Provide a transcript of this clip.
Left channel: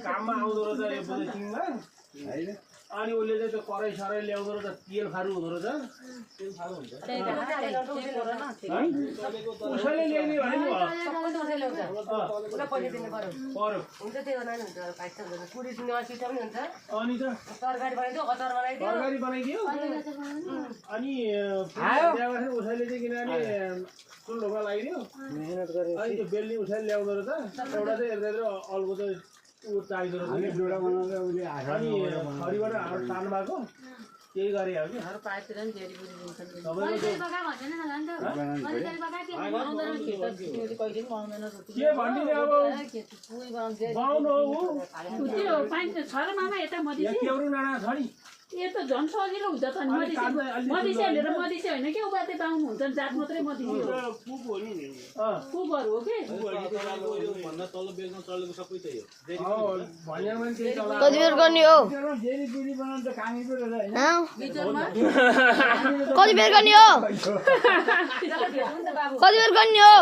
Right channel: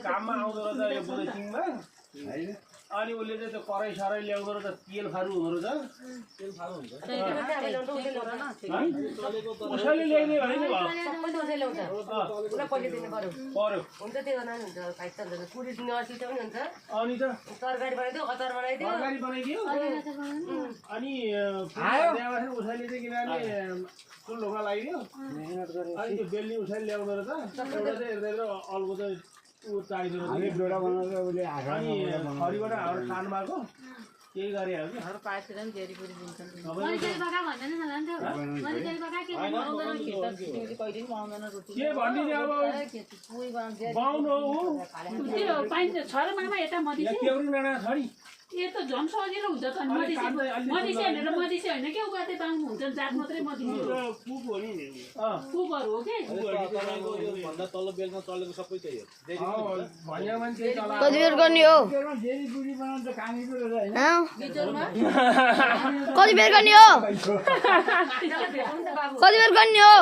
काममा आउँदो रहेछ यो बुलेटिङमा अनि उसले चाहिँ त्यो कराई सराई ल्याउँदो रहेछ तेल खारु हुँदो रहेछ उसैले ल्याइदियो भने नि अनि त तरकारी बनाइदियो अनि उसैले चाहिँ किनभने चुल्होमा लगाइदियो अनि त्यो बेल्ने उसैले ल्याउँदो रहेछ एउटा चाहिँ हेर्दै अल्को चाहिँ ऊ चाहिँदो रहेछ अनि खरीबाट हाम्रो सानो भएको केही गरे हो कि के भनिदिने अब बाउनु केउरी नाना छ नि ये तो झन् सजिलो हुन्छ त मधेसी भनेर मधेसी होइन के उबाते पाउनु हुन्छ जात मात्रै मधेसी हो कुकहरू हो के भन्दा तल बेलमा चलेको सबै त्यही हो कति बेर गर्ने हो कति बेर गर्ने हो कति बेर गर्ने हो